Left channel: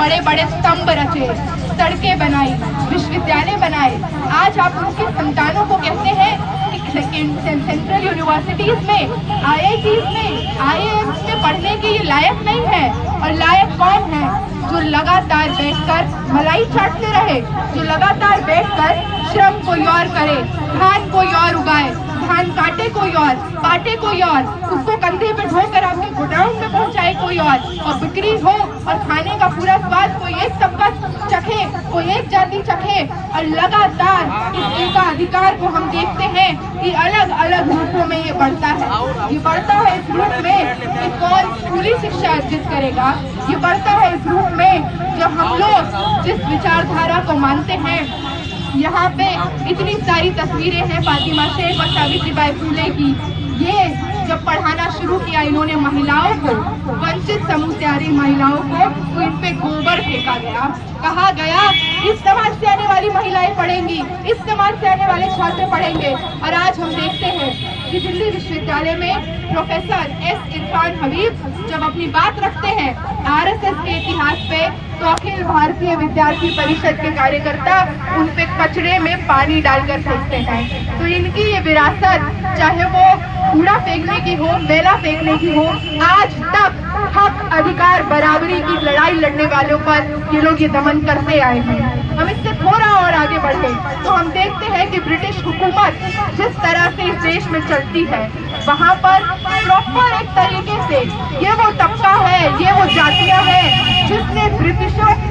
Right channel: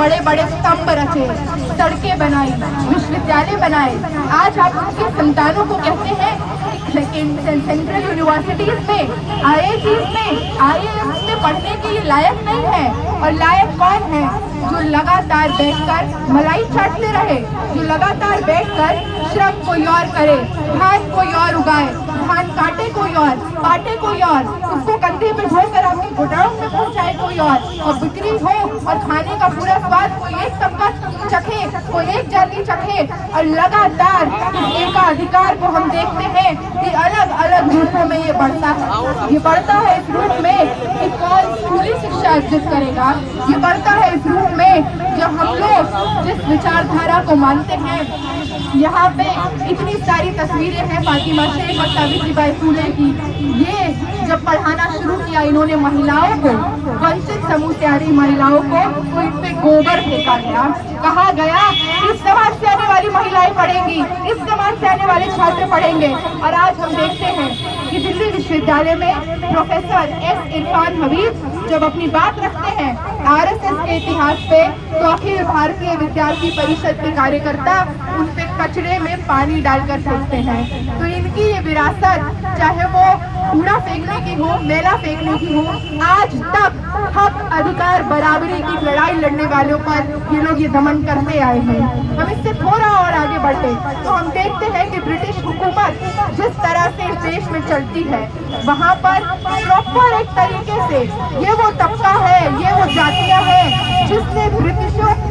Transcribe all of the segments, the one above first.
बड़े बड़े स्तंभ रचे, सड़कें बनाई, विश्वविद्यालय बनाए। आज आप उनके संतानों को कहते हैं कि सेंट्रल यूनिवर्सिटीज में, IITs में, IIMs में पढ़ने के ये लायक नहीं है। और लायक कौन है? जो लगातार बैठकर मलाई चाटते रहे, जो लगातार बैठकर श्रम कोई और करे, धान कोई और उगाए, धान काटे कोई और, पाटे कोई और, उसको कंधे पे ढोकर आपके गोडाउन में पहुंचाए कोई और बिक्री हो और खाने का पूरा स्वाद कोई एक तबका चखे, कोई एक जाति चखे। और लगातार इस एकाधिकार को हम देखते हैं कि अलग अलग रूपों में ये बढ़ता है। ये बढ़ता है इस रूप में कि कौन स्कूली शिक्षा अर्जित करेगा। ये बढ़ता है इस रूप में जब हम लोग जिस विचारधारा को मानते हैं। यहाँ पे इतनी सारी तस्वीरें हैं फातिमा शेख और सावित्रीबाई फुले की। ये जब पढ़ाना शुरू किया इन्होंने महिलाओं को, वंचित समूह से आ रही महिलाओं को, तो इन पे गोबर फेंका गया। कहा गया इस समाज से आने वाली महिलाएं पढ़ेंगी, इस समाज से आने वाले छात्र पढ़ेंगे। और आज हम देखते हैं कि दिल्ली विश्वविद्यालय में प्रोफेसर S इरफान हबीब जब अपनी बात रखते हैं RSS के इतिहास पे, तो अखिल भारतीय विद्यार्थी परिषद के कार्यकर्ता उन पे कचरे में पानी डालकर फेंकते हैं। तो इनकी ये विरासत, चाहे वो कूड़ा फेंकने की हो, मेला फेंकने की हो, आज तक हक, अधिकार, बराबरी की लड़ाई लड़ने वालों पर ये लोग ये दमन करते आए हैं। हम इससे थोड़ा और आगे बढ़े तो हम देखते हैं कि ब्रिटिश हुकूमत जिस तरह से इस देश में चलती है, वहाँ पर प्रॉपर एक तरीके से ये वो तबका है, ये वो जातियां हैं जिसने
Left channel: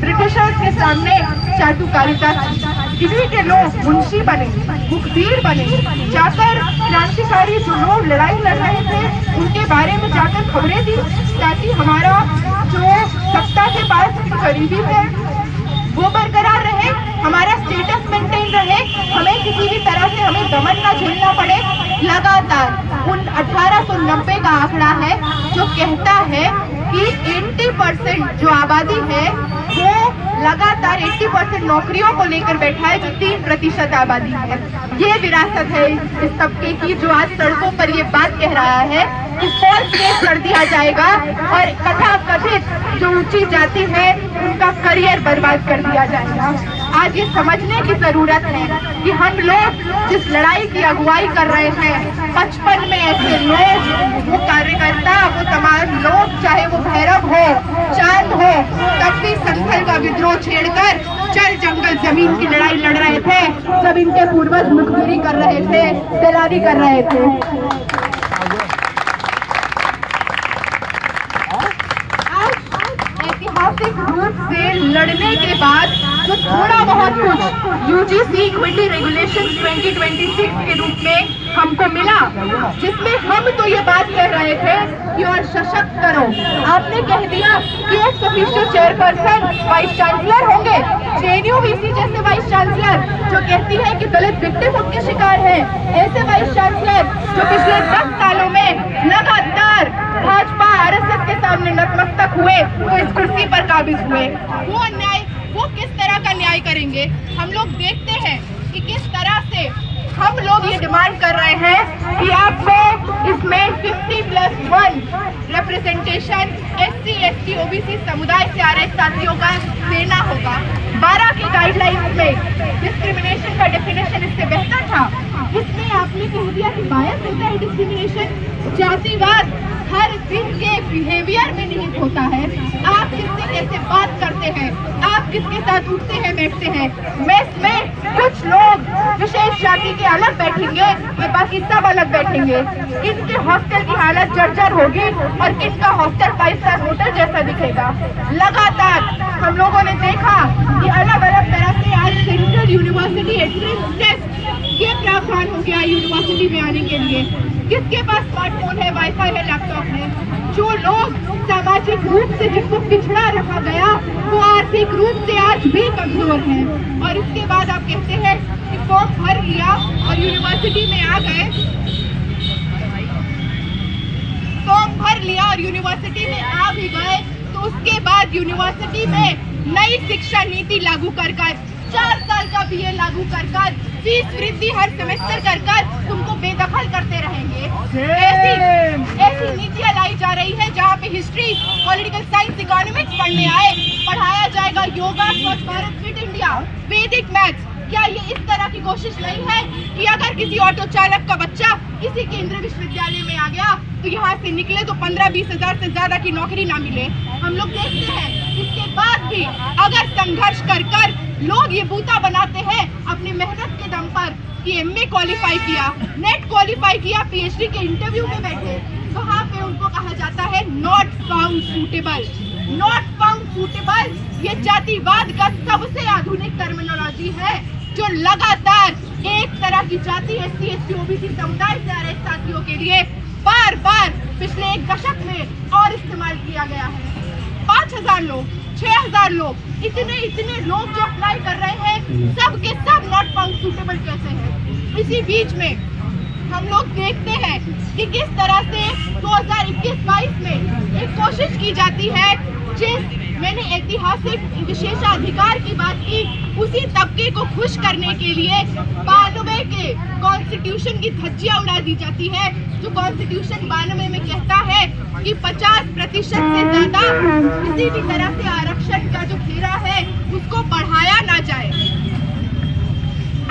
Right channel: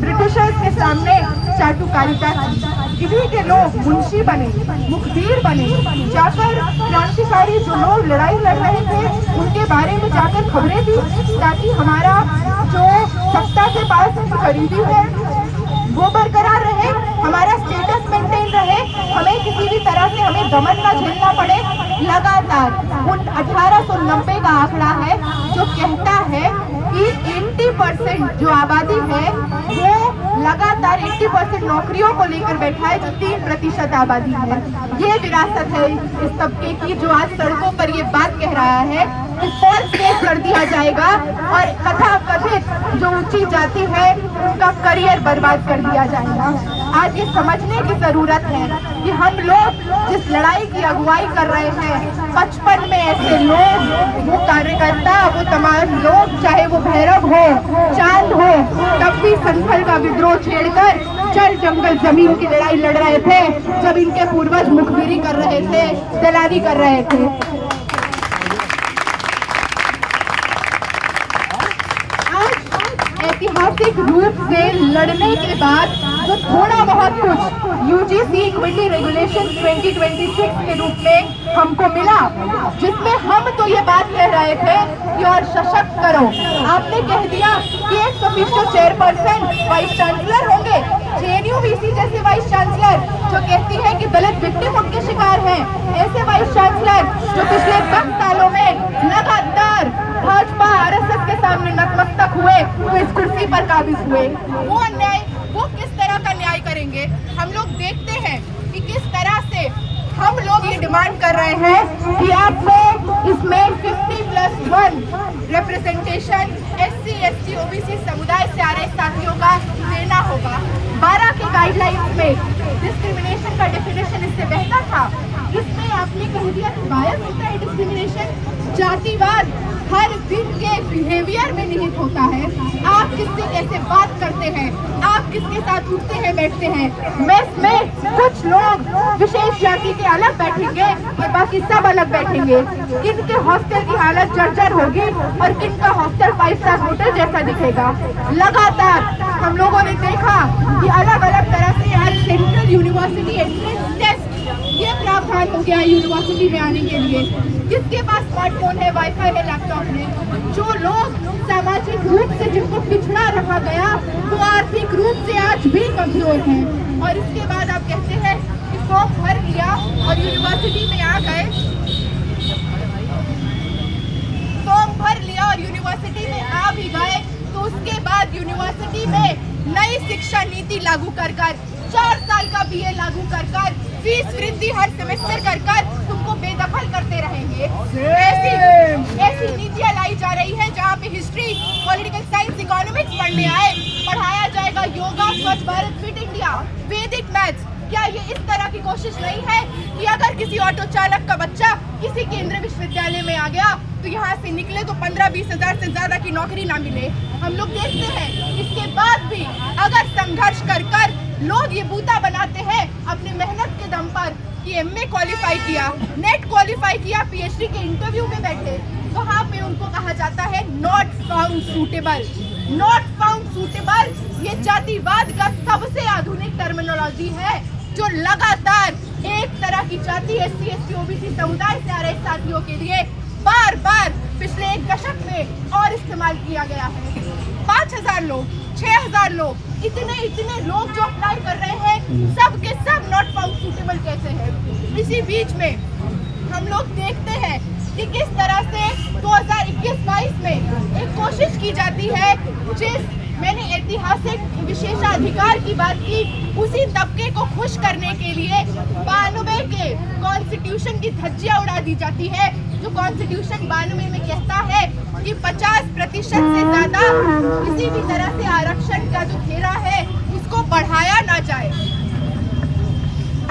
ब्रिटिशर्स के सामने चाटुकारिता की। इन्हीं के लोग मुंशी बने, मुखबिर बने, जाकर क्रांतिकारी जो लोग लड़ाई लड़ रहे थे उनके बारे में जाकर खबरें दी, ताकि हमारा जो सत्ता के पास करीबी है वो बरकरार रहे, हमारा स्टेटस मेंटेन रहे, हमें किसी भी तरह से हमें दमन न झेलना पड़े। लगातार 1890 का आंकड़ा है जो कहता है कि 80% जो आबादी है वो लगातार 80% नौकरियों को लेकर बैठा है, जो 3% आबादी है। ये विरासत है इस तबके की जो आज सड़कों पर ये बात कह रहा है कि फॉल्स केस कर दिया जाएगा और कथा कथित जो ऊंची जाति है उनका करियर बर्बाद कर दिया जाएगा। आज ये समझने की जरूरत है कि हम लोग जिस लड़ाई की अगुवाई कर रहे हैं, 55 में ऐसे लोग, वो कार्यकर्ता, वो तमाम लोग, चाहे वो भैरव हो, चांद हो, तब भी संथल का विद्रोह छेड़कर चल जंगल जमीन की लड़ाई लड़ रहे थे जब इनके पूर्वज मुखबिरी कर रहे थे, दलाली कर रहे थे। ऐतिहासिक रूप से लड़ने के बाद तो थोड़ा बहुत कुछ UGC इक्विटी रेगुलेशन 2026 के रूप में हमको मिला, जिसमें हम तो ये बात कह रहे थे कि और सशक्त करो। आपने कह दिया कि एक ऑफिशियल चेयरपर्सन वाइस चांसलर होंगे, JNU-VC जैसे वाइस चांसलर जो कहती है कि दलित विक्टिमहुड के शिकार हैं, ऐसे वाइस चांसलर जो पिछले 10 सालों में लगातार भाजपा RSS के सामने नतमस्तक हुए, वो इस कुर्सी पर काबिज हुए। वो अन्याय, वो किस तरह का न्याय करेंगे? हम लोग देखते हैं कि किस तरह से हम लोग ये डिमांड कर रहे हैं कि आपको इसमें 50+1 रिप्रेजेंटेशन SC, ST, OBC समुदाय से आ रहे साथियों का देना होगा। 12 की गाइडलाइंस में डिस्क्रिमिनेशन का डेफिनेशन इससे बेहतर था। इसमें आपने कह दिया कि बायस होता है डिस्क्रिमिनेशन, जातिवाद हर दिन के बिहेवियर में निहित होता है। आप किससे कैसे बात करते हैं, आप किसके साथ उठते हैं बैठते हैं। मेस में कुछ लोग विशेष जाति के अलग बैठेंगे और बाकी सब अलग बैठेंगे। किनके हॉस्टल की हालत जर्जर होगी और किनका हॉस्टल 5 स्टार होटल जैसा दिखेगा। लगातार हम लोगों ने देखा कि अलग अलग तरह से आज सेंट्रल यूनिवर्सिटी एंट्रेंस टेस्ट ये प्रावधान हो गया यूनिवर्सिटी में आने के लिए। किसके पास स्मार्टफोन है, वाईफाई है, लैपटॉप है। जो लोग सामाजिक रूप से जिनको पिछड़ा रखा गया वो आर्थिक रूप से आज भी कमजोर हैं। और इसके बाद आप कहते हैं कि फॉर्म भर लिया और यूनिवर्सिटी में आ गए, फॉर्म भर लिया और यूनिवर्सिटी में आ भी गए, तो उसके बाद यूनिवर्सिटी में नई शिक्षा नीति लागू कर 4 साल का BA लागू कर फीस वृद्धि हर सेमेस्टर कर उनको बेदखल करते रहेंगे। ऐसी नीतियां लाई जा रही है जहाँ पे हिस्ट्री, पॉलिटिकल साइंस, इकोनॉमिक्स पढ़ने आए, पढ़ाया जाए स्वच्छ भारत, फिट इंडिया, वैदिक मैथ्स, क्या ये इस तरह की कोशिश नहीं है कि अगर किसी ऑटो चालक का बच्चा किसी केंद्रीय विश्वविद्यालय में आ गया तो यहाँ से निकले तो 15-20 हजार से ज्यादा की नौकरी ना मिले? हम लोग देखते हैं इसके बाद भी अगर संघर्ष कर कर लोग ये बूता बनाते हैं अपनी मेहनत के दम पर कि एमए क्वालिफाई किया, नेट क्वालिफाई किया, पीएचडी के इंटरव्यू में बैठे, वहाँ पे उनको कहा जाता है not found suitable. Not found suitable ये जातिवाद का सबसे आधुनिक टर्मिनोलॉजी है जो लगातार एक तरह की जाति SC ST OBC समुदाय से आ रहे साथियों के लिए बार बार पिछले 1 दशक में और इस्तेमाल किया गया है। 5000 लोग, 6000 लोग, इतने लोग जो अप्लाई कर रहे हैं, सब के सब नॉट फाउंड सूटेबल कैसे हैं? इसी बीच में हम लोग देखते हैं कि किस तरह से 2021-22 में एक कोशिश की जाती है, मैंने ऐतिहासिक विशेषाधिकार की बात की, उसी तबके को खुश करने के लिए 92 के कॉन्स्टिट्यूशन की धज्जियां उड़ा दी जाती है, जो कॉन्स्टिट्यूशन 92 में कहता है कि 50% से ज्यादा किसी भी तरह से आरक्षण का जो घेरा है उसको बढ़ाया ना जाए,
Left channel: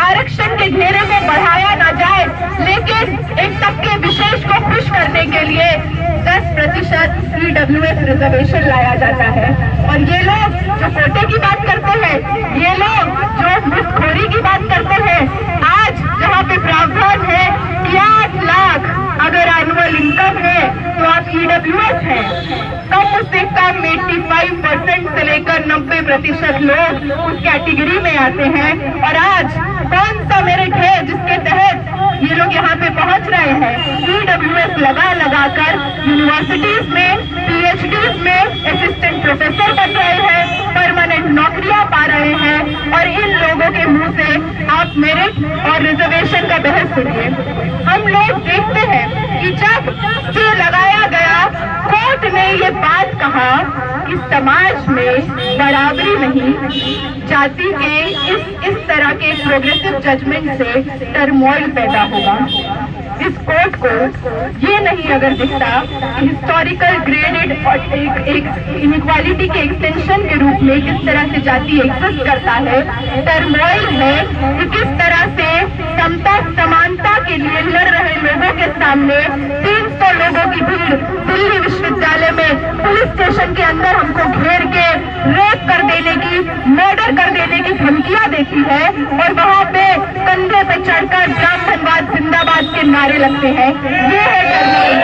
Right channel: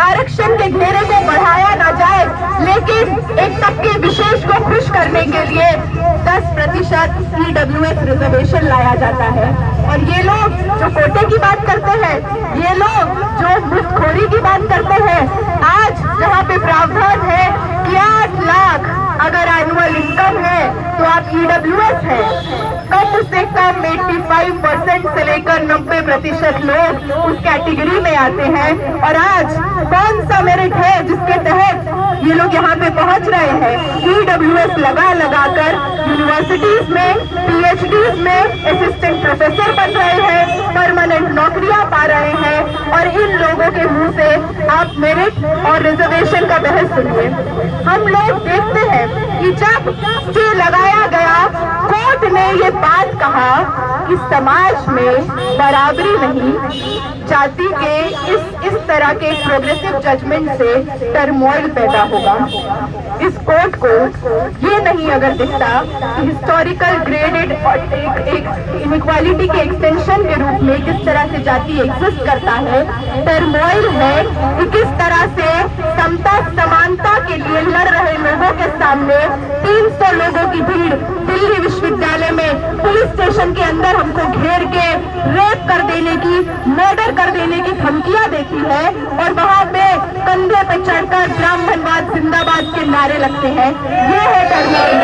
आरक्षण के घेरे को बढ़ाया ना जाए, लेकिन एक तबके विशेष को खुश करने के लिए 10% EWS रिजर्वेशन लाया जाता है। और ये लोग जो कोटे की बात करते हैं, ये लोग जो मुफ्तखोरी की बात करते हैं, आज जहाँ पे प्रावधान है कि 8 लाख अगर एनुअल इनकम है तो आप EWS है, कम से कम 85% से लेकर 90% लोग उस कैटेगरी में आते हैं। और आज कौन सा मेरिट है जिसके तहत ये लोग यहाँ पे पहुँच रहे हैं? EWS लगा कर यूनिवर्सिटीज में, PhDs में असिस्टेंट प्रोफेसर बन रहे हैं, परमानेंट नौकरियां पा रहे हैं। और इन लोगों के मुंह से आप मेरिट और रिजर्वेशन का बहस सुनिए। हम लोग देखते हैं कि जब स्टे लगाया गया, कोर्ट ने ये बात कहा कि समाज में बराबरी नहीं, जाति के इस तरह के प्रोग्रेसिव जजमेंट से टर्मोइल पैदा होगा। इस कोर्ट को ये नहीं अगर दिखता कि हिस्टोरिकल ग्रेडेड और एक इनइक्वालिटी के एक्सटेंशन के रूप में किस तरह से जाति एग्जिस्ट करता है, टर्मोइल है कि किस तरह से समता समानता के लिए लड़ रहे लोगों के सामने 300 लोगों की भीड़ दिल्ली विश्वविद्यालय में पुलिस स्टेशन के अंदर हमको घेर के रेप कर देने की, मर्डर कर देने की धमकियां देती है। और वहाँ पे कंधे पे चढ़कर ब्राह्मणवाद जिंदाबाद के नारे लगते हैं। ये है टर्मोइल।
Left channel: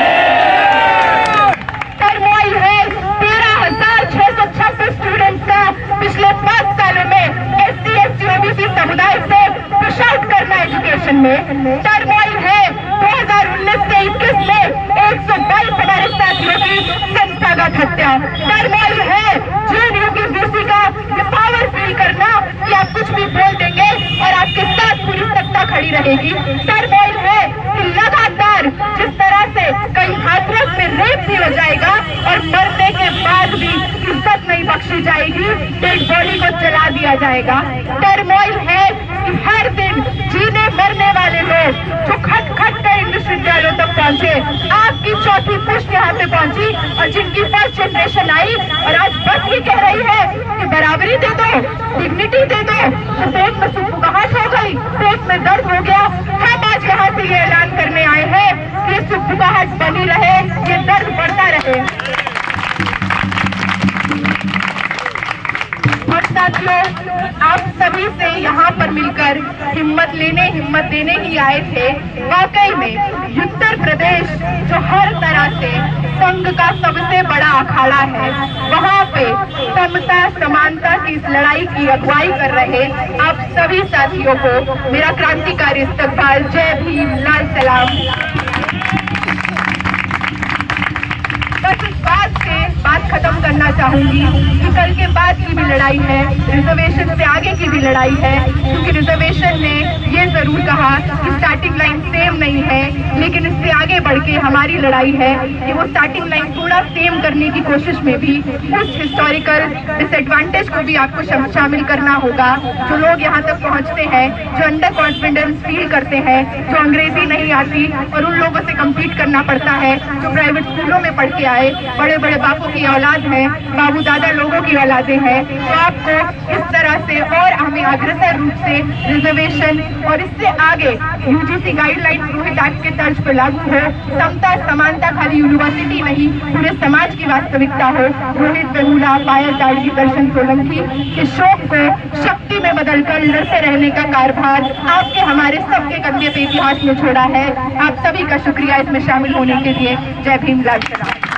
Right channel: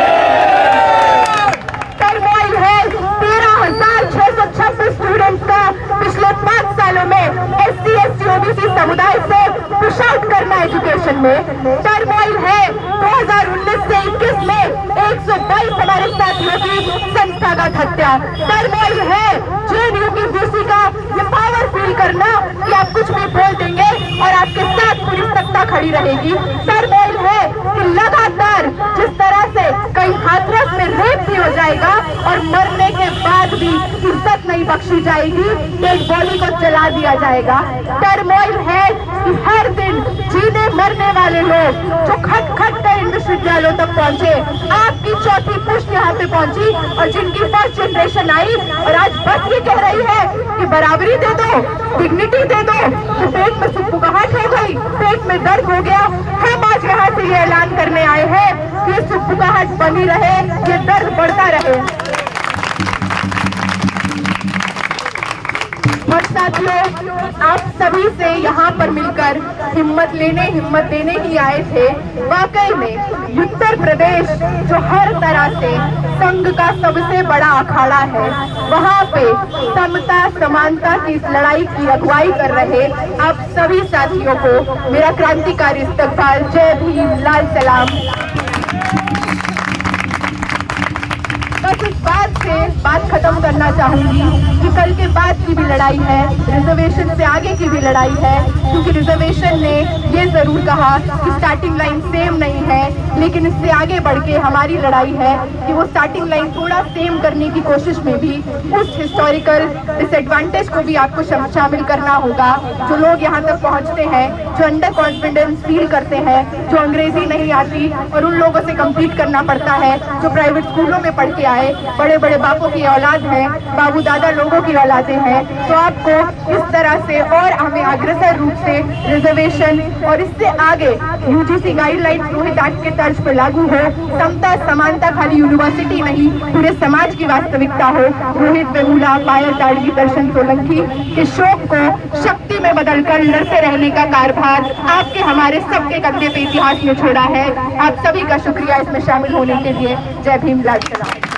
टर्मोइल है 13,626 स्टूडेंट्स का पिछले 5 सालों में SC ST OBC समुदाय से पुश आउट करना एजुकेशन में। टर्मोइल है 2019 से 21 में 122 हमारे साथियों की संस्थागत हत्या। टर्मोइल है JNU की BC का ये पावर फील करना कि आप कुछ भी बोल देंगे और आपके साथ पूरी सत्ता खड़ी रहेगी। टर्मोइल है कि लगातार जिस तरह से कहीं हाथरस में रेप भी हो जाएगा और मरने के बाद भी इज्जत नहीं बख्शी जाएगी, डेड बॉडी को जला दिया जाएगा। टर्मोइल है कि हर दिन जीने मरने वाले लोग जो खट खट कर इन विश्वविद्यालयों तक पहुंचे, आपकी चौथी पुश्त यहाँ पे पहुंची और जिनकी फर्स्ट जनरेशन आई और आज बस ये कह रही है कि बराबरी दे दो, डिग्निटी दे दो, तो पेट में सुपुकाहट हो गई, पेट में दर्द हो गया। हम आज यहाँ से ये ऐलान करने आए हैं कि सुपुकाहट बनी रहे, ये दर्द बढ़ता रहे। और साथियों, आप सभी से यहाँ पर मिलकर हिम्मत देने ही आए थे। वाकई में उत्तर प्रदेश जो हर तरह से संघ का सबसे बड़ा अखाड़ा है, वहाँ पे समता समानता की इस लड़ाई की अगुवाई कर रहे आप सभी साथियों को मेरा क्रांतिकारी इस्तकबाल। जय भीम, लाल सलाम। बस इस बात खत्म करना चाहूंगी कि कल के बाद की भी लड़ाई है, रिजर्वेशन से आगे की भी लड़ाई है, क्योंकि रिजर्वेशन ने ये जरूर कहा कि स्टार्टिंग लाइन सेम नहीं है, लेकिन इससे आगे बढ़ के हमारी लड़ाई है कि वो स्टार्टिंग लाइन थोड़ा सेम करने की कोशिश में भी उस हिस्टोरिकल डिसएडवांटेज को भी आपको शामिल करना होगा। जो लोग यहाँ तक पहुँचते हैं, जो अंडर कॉन्फिडेंस फील करते हैं, जो अंग्रेजी नहीं आती और उन लोगों से कम्पीट करना पड़ता है, जो प्राइवेट स्कूलों में पढ़ के आए, बड़े बड़े बापों की औलाद है, बाबू दादा लोगों की औलादें हैं, तो आपको इस तरह से और हमें अग्रसर रूप से रिजर्वेशन और इससे आगे यूजीसी गाइडलाइंस रोहित एक्ट के तर्ज पर लागू हो, समता समानता खाली यूनिवर्सिटी नहीं पूरे समाज की वास्तविकता हो। रोहित वेमुला, पायल ताड़गी, दर्शन सोलंकी के शोक को शक्ति में बदलकर लड़ते रहने का कारभार आपके हमारे सबके कंधे पे इतिहास में छोड़ा है। आप सभी का शुक्रिया इसमें शामिल होने के लिए। जय भीम, लाल सलाम।